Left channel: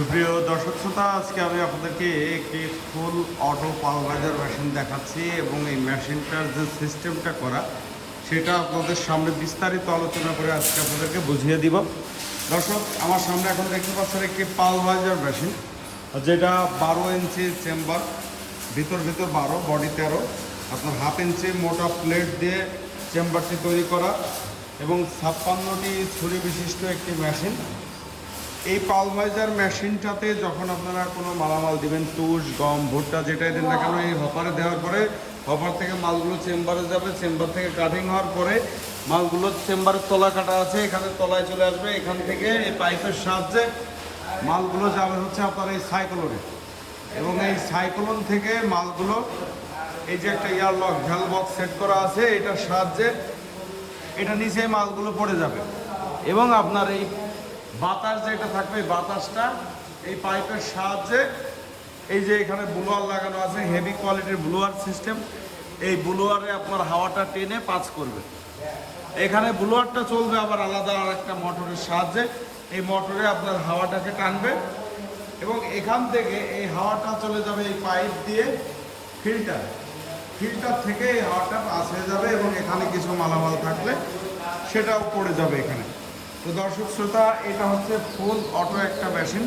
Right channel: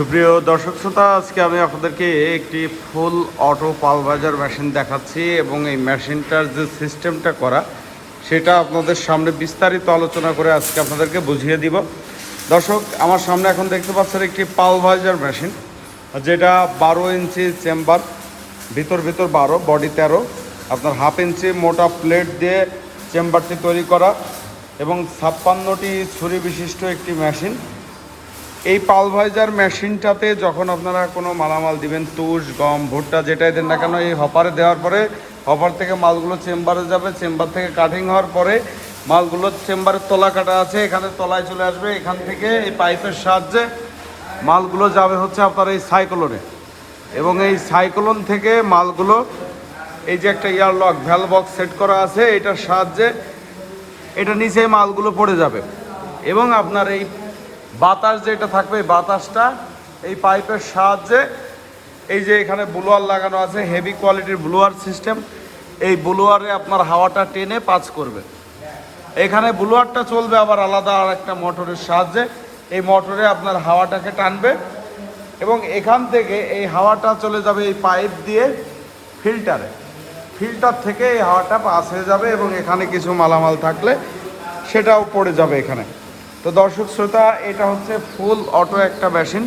সুপ্রিয় দর্শক শ্রোতা, আজকে আমি আপনাদেরকে একটি ফুল অটো পালভাইজার মেশিন দেখাচ্ছি এবং এই মেশিনটার যে সিস্টেমটা করা সেটা আপনাদের সামনে বিস্তারিত আলোচনা করে আজকে আপনাদেরকে বুঝিয়ে দিব। দর্শক, আমার সামনে এখন দেখতে পাচ্ছেন একটি পালভাইজার মেশিন, যেটা 12 ইঞ্চি চেম্বার, ভিতর 12, বডি 13, আপনার হাফ ইঞ্চি মোটা প্লেট দিয়ে চেম্বারটি তৈরি করা এবং 56টি ছুরি বিশিষ্ট একটি মেশিন। এই পালভাইজার মেশিনটাতে যখন আপনারা কোনো মালামাল দিবেন, তুষ, গম, ভুট্টা যেটাই দেন না কেন, এই হপারে দেওয়ার পরে হপার থেকে মালগুলো চেম্বারে যাবে, চেম্বার থেকে কাটিং হওয়ার পরে মালগুলো চেম্বারের তলা কাটা আছে, এখানে তলায় চলে আসবে। এখান থেকে এই পাইপের সাহায্যে মালগুলো যাবে হচ্ছে আপনার এই সাইক্লোনে, এবং এই সাইক্লোন থেকে মালগুলো এই যে একটা এয়ারলক ভ্যালভ বক্স সেট করা আছে, এটার সাহায্যে এটা নিচে মালগুলো পড়ে যাবে এবং আপনার এই বাতাস যেটা থাকবে, বাতাসটা এই পাইপের সাহায্যে এই যে এখানে ব্লোয়ার লাগানো আছে, হেভি কোয়ালিটির ব্লোয়ার সিস্টেম, এই ব্লোয়ারে আপনার হাওয়াটা টেনে পাস করবে। এখানে ব্লোয়ারটা চলবে আবার আলাদা আর একটা মোটরের সাহায্যে, এই মোটরে আপনার হাওয়াটাকে টানবে এবং এখান থেকে এই হাওয়াটা চলে যাবে এই পাইপ দিয়ে ফিল্টার থেকে এই হাওয়াটা পাস হয়ে যাবে এবং এখানে কিছু মালামাল থাকলে সেটাও পড়ে যাবে এখানে। তো দর্শক শ্রোতা, এটা হচ্ছে ফুল অটো একটা মেশিন।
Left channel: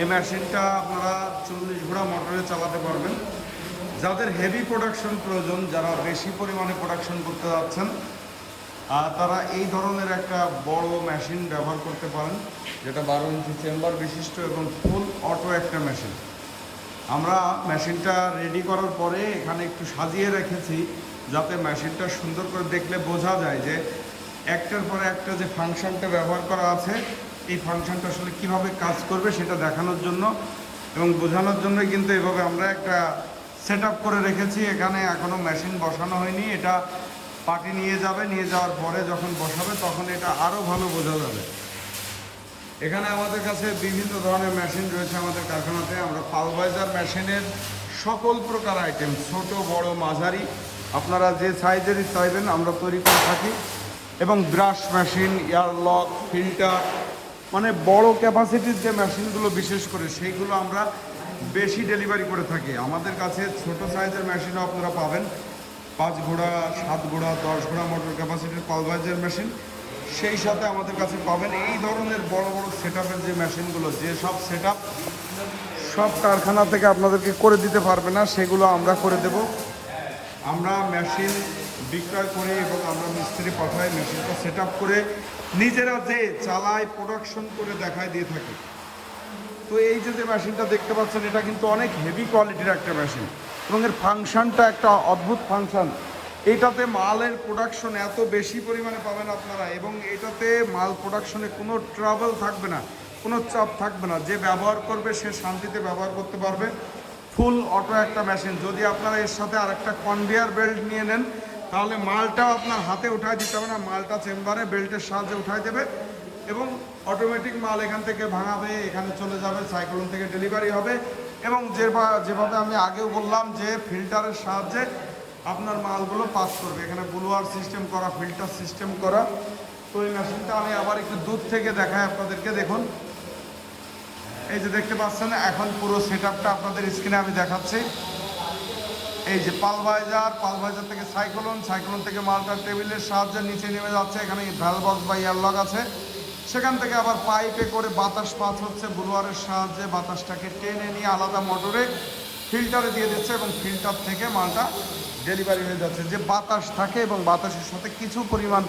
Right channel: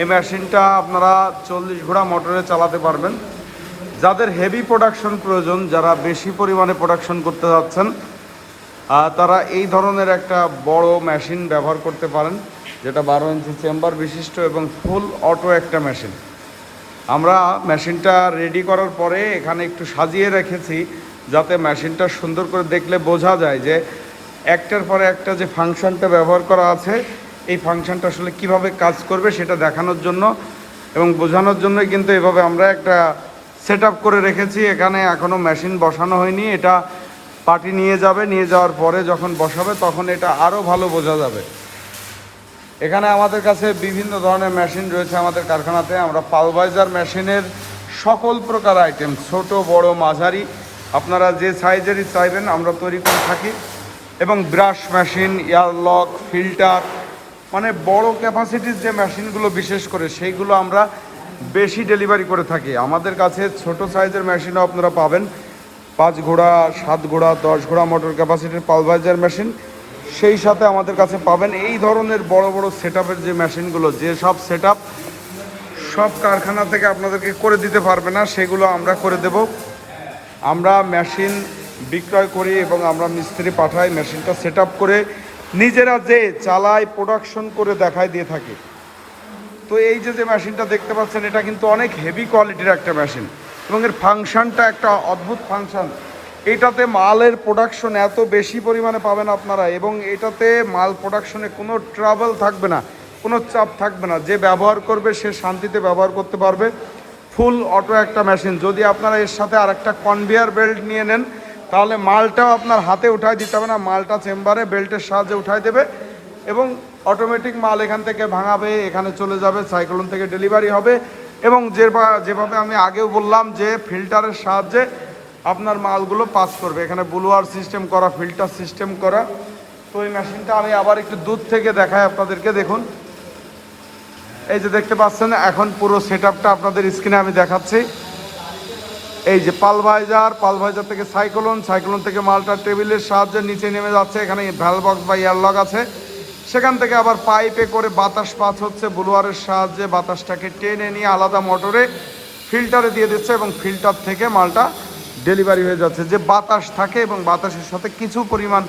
এই মেশিনটা আপনারা 40 ঘোড়া মোটরে চালাতে পারবেন। যাদের হেভি প্রোডাকশন প্রয়োজন, যারা বেশি পরিমাণে প্রোডাকশন করতে যাচ্ছেন, তারা এই ধরনের একটা বড় মেশিন ব্যবহার করতে পারেন, যেটা 12 ইঞ্চি চেম্বার বিশিষ্ট এবং ফুল অটো একটা মেশিন। আমরা মেশিনটা রেডি করার পরে এখানে একটু সাজিয়ে রেখেছি, যাতে মেশিনটা সুন্দর করে দেখলে বোঝা যায় যে একটার পরে একটা যে ফাংশনটা ব্যবহার করা আছে, এই ফাংশনটা আসলে কিভাবে কাজ করবে সেটা দেখানোর জন্য এবং বোঝানোর জন্যই কিন্তু এভাবে আমরা একটা সেট করে রেখেছি। এখানে এখনও মেশিন বসানো হয়নি, এটা পার্টি নিয়ে যাবে, নিয়ে যাওয়ার পরে যখন বসাবে তখন এটা আরও ভালো বোঝা যাবে। এখানে আমাদের কাছে বিভিন্ন ধরনের মেশিন রয়েছে আমাদের কারখানাতে। আমরা পালভাইজার মেশিনের সকল প্রকার আইটেম, ছোট বড় মাঝারি, আপনারা যে সাইজেরই চাইবেন আমরা তৈরি করে থাকি। এবং ব্রাশ মেশিন, এয়ারলক, ফিল্টার, মানে বড় ক্যাপাসিটির যে মেশিনগুলো বিশেষ করে সেইগুলো আমরা বেশি ডেলিভারি করে থাকি। আমাদের কাছে ছোট সাইজের মেশিনও আপনারা পাবেন, 5 ঘোড়া, 7 ঘোড়া, 10 ঘোড়া মোটর ক্যাপাসিটির পালভাইজার মেশিন। সেই সাথে আমাদের কাছে পাবেন এই ধরনের বড় বড় সেটআপের যে মেশিনগুলো, যে সব সেটআপ সব কারখানা থেকে আপনাদেরকে করে দিতে পারবে না, সেগুলো আমরা করে দেব। আমরা মেশিন বিক্রয় করি এবং আমরা মিস্ত্রি পাঠাই, মেশিনটা সেটআপ করে নিজেরা যে চালাই, প্রোডাকশন করে দেখায় দিয়ে থাকি। তো এই যে মেশিনটা দেখতে পাচ্ছেন, এটা কিন্তু অনেক হেভি কোয়ালিটির একটা মেশিন এবং এর ফাংশনটা একটা অদ্ভুত ফাংশন। এটাতে মালের প্রোডাকশন এত বেশি পরিমাণে পাবেন আপনারা, এবং এটাতে মাল প্রোডাকশনে কোনো ট্রাবল থাকবে না, কোনো চাপ থাকবে না। যে ব্যবহার করবে সে শান্তিতে ব্যবহার করতে পারবে। ফুল অটো একটা মেশিন। যদি আপনারা এর সাথে আর একটা কনভেয়ার বেল্ট নিয়ে নেন, তাহলে মালটাও আপনার হাতে উঠায় দিতে হবে না, মালটা চেম্বারে বেল্টের সাহায্যে উঠায় দেবে এবং অটোমেটিক মাল এখান থেকে ভাঙাবে, এখানে চলে যাবে, সাইক্লোন থেকে ডেলিভারি হবে। এবং যেভাবে আমি আগেও বললাম যে ফিল্টারের সাহায্যে আপনার মালগুলো পাস করবে, এখানে ব্লোয়ার সিস্টেম করা, ফিল্টার সিস্টেম করা। তো এই মেশিনটা আমি আবার একটু দূর থেকে দেখাই আপনাদেরকে। দেখুন, এই যে দেখতে পাচ্ছেন, এখন পুরো সেটআপটা আপনাদের স্ক্রিনে আমি দেখাচ্ছি। এই যে পালভাইজার থেকে সাইক্লোন থেকে মালটা টেবিলের সাহায্যে নিচে নেমে যাচ্ছে। এখানে ভ্যালভ বক্স বা এয়ারলক আছে, সেখান থেকে আবার পাইপে করে বাতাস পাস হচ্ছে, ব্লোয়ারের সাহায্যে বাতাসটাকে টেনে নিয়ে আলাদা মোটরে ফিল্টারে দিয়ে দিচ্ছে এবং ফিল্টার থেকে মালটা ডেলিভারি হয়ে যাচ্ছে। যে বাতাস থাকে এবং বাতাসের সাথে কিছু পরিমাণ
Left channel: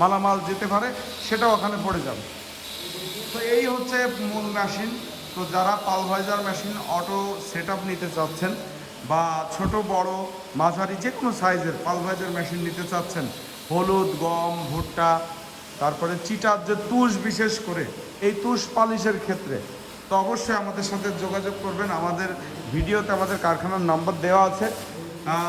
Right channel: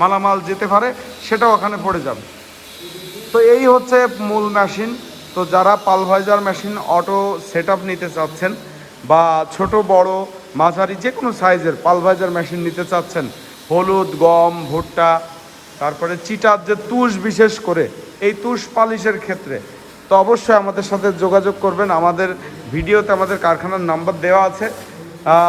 মালামাল যেতে পারে, সেটাও ওখানে পড়ে যাবে। তো এই হচ্ছে মূল মেশিন। তো যারা পালভাইজার মেশিন অটো সেটআপ নিতে চাচ্ছেন বা ছোট বড় মাঝারি যে কোনো সাইজের পালভাইজার মেশিন নিতে চাচ্ছেন, হলুদ, গম, ভুট্টা, তারপরে চিটার যে তুষ, বিশেষ করে এই তুষ পালিশের ক্ষেত্রে, তো অবশ্যই আমাদের সাথে যোগাযোগ করবেন। আমাদের ভিডিওতে আমাদের কারখানার নাম্বার দেওয়া আছে,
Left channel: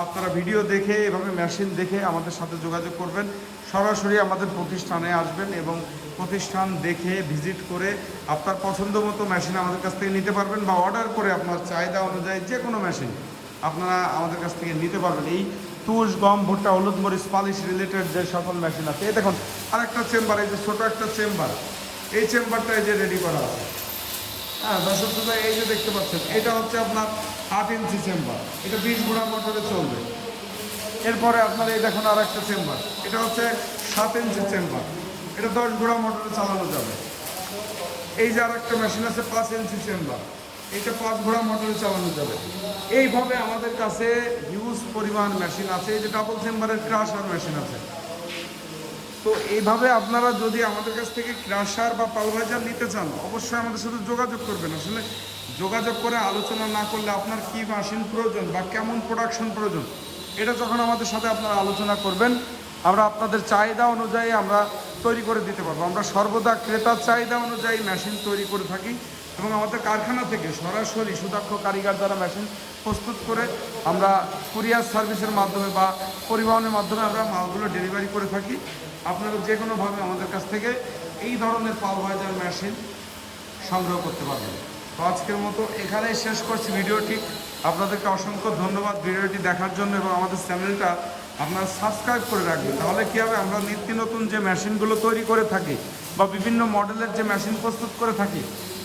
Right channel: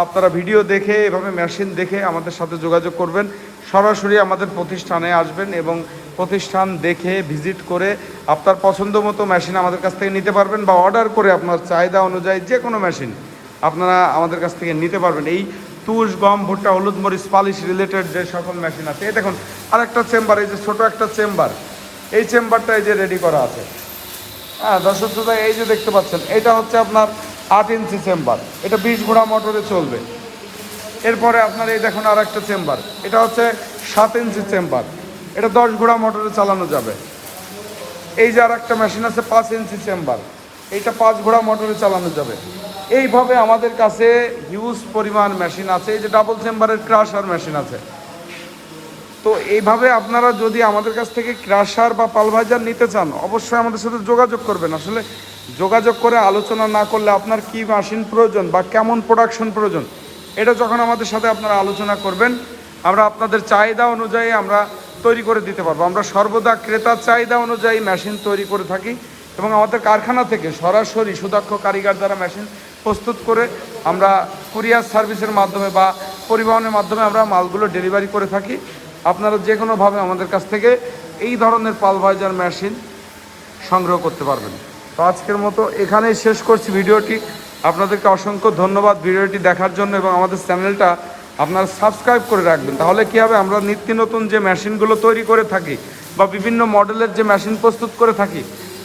আপনারা ভিডিও দেখে এভাবে মেশিন দেখে আমাদের সাথে যোগাযোগ করবেন। সরাসরি আমাদের প্রতিষ্ঠানে আসবেন এবং প্রতিষ্ঠান দেখে ভিজিট করে আপনার পছন্দ মতো মেশিন আমাদের কাছ থেকে নিতে পারবেন, বা অর্ডার করে আপনার চাহিদা অনুযায়ী যে কোনো মেশিন আপনারা আমাদের কাছ থেকে নিতে পারবেন। এই তুষ, গম, ভুট্টা, হলুদ, মরিচ পালিশ রিলেটেড যে সকল মেশিন আছে। এই দেখুন আরেকটা চেম্বার, এই যে ছোটো একটা চেম্বার, এই চেম্বারটা এই যে রেডি করা আছে। হ্যাঁ দর্শক শ্রোতা, এই যে দেখতে পাচ্ছেন এটা হচ্ছে আপনার 8 ইঞ্চি চেম্বার, এটা 20 ঘোড়া মোটরে চলবে। এরপরে আপনার এই দেখুন আর একটা চেম্বার, এটা হচ্ছে 7 ইঞ্চি চেম্বার, এটা 10 ঘোড়া মোটরে চালানো যাবে। এই যে আর একটা মেশিন আছে 5 ইঞ্চি চেম্বার, এইটা 5 ঘোড়া মোটরে চালানো যাবে। এইভাবে আমাদের কাছে হিউজ পরিমাণ মেশিন আছে। এই যে ডাবল চেম্বারের ক্রাশার মেশিন আছে। তো এইভাবে আপনারা যদি আমাদের কাছ থেকে ক্রাশার বা পালভাইজার নিতে চান, অবশ্যই আমাদের সাথে যোগাযোগ করবেন। আসলে যোগাযোগ করে আলোচনা না করলে আপনার কী মেশিন প্রয়োজন বা কেমন প্রোডাকশন প্রয়োজন, এটা যখন আমাদের সাথে আপনারা আলোচনা করবেন, আমরা আপনাদের চাহিদা অনুযায়ী আমরা তৈরি করে দিতে পারবো। আমরা সর্বদা ক্রেতার চাহিদা অনুযায়ী মেশিন তৈরি করে থাকি এবং আমাদের কারখানা থেকে সরাসরি সুদক্ষ কারিগর দ্বারা মেশিন প্রস্তুত করে আমরা কুরিয়ার সার্ভিসের মাধ্যমে বা পরিবহনের মাধ্যমে আমরা মালগুলো ডেলিভারি করে থাকি। আপনারা যে কোনোভাবে আমাদের কাছ থেকে এই ধরনের পালভাইজার মেশিন সংগ্রহ করতে পারবেন। তো আজকের মতো এখানেই শেষ করছি ভিডিওটি। আপনাদেরকে অসংখ্য ধন্যবাদ ভিডিওটি দেখার জন্য, এবং আমাদের চ্যানেলটা আপনারা সাবস্ক্রাইব করে রাখবেন। তাহলে কী হবে, আমরা নিত্য নতুন যে মেশিনগুলো তৈরি করে থাকি বা বিভিন্ন মডেলের যে মেশিন প্রস্তুত করে থাকি,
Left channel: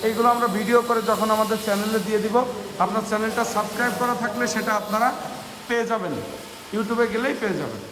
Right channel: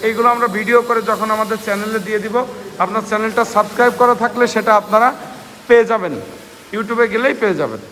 এইগুলো আমরা ভিডিও করে যখন আমাদের চ্যানেলে দিয়ে দিব, আপনার চ্যানেলটা সাবস্ক্রাইব করা থাকলে সেটা আপনারা পেয়ে যাবেন, ইউটিউবে গেলেই পেয়ে যাবেন।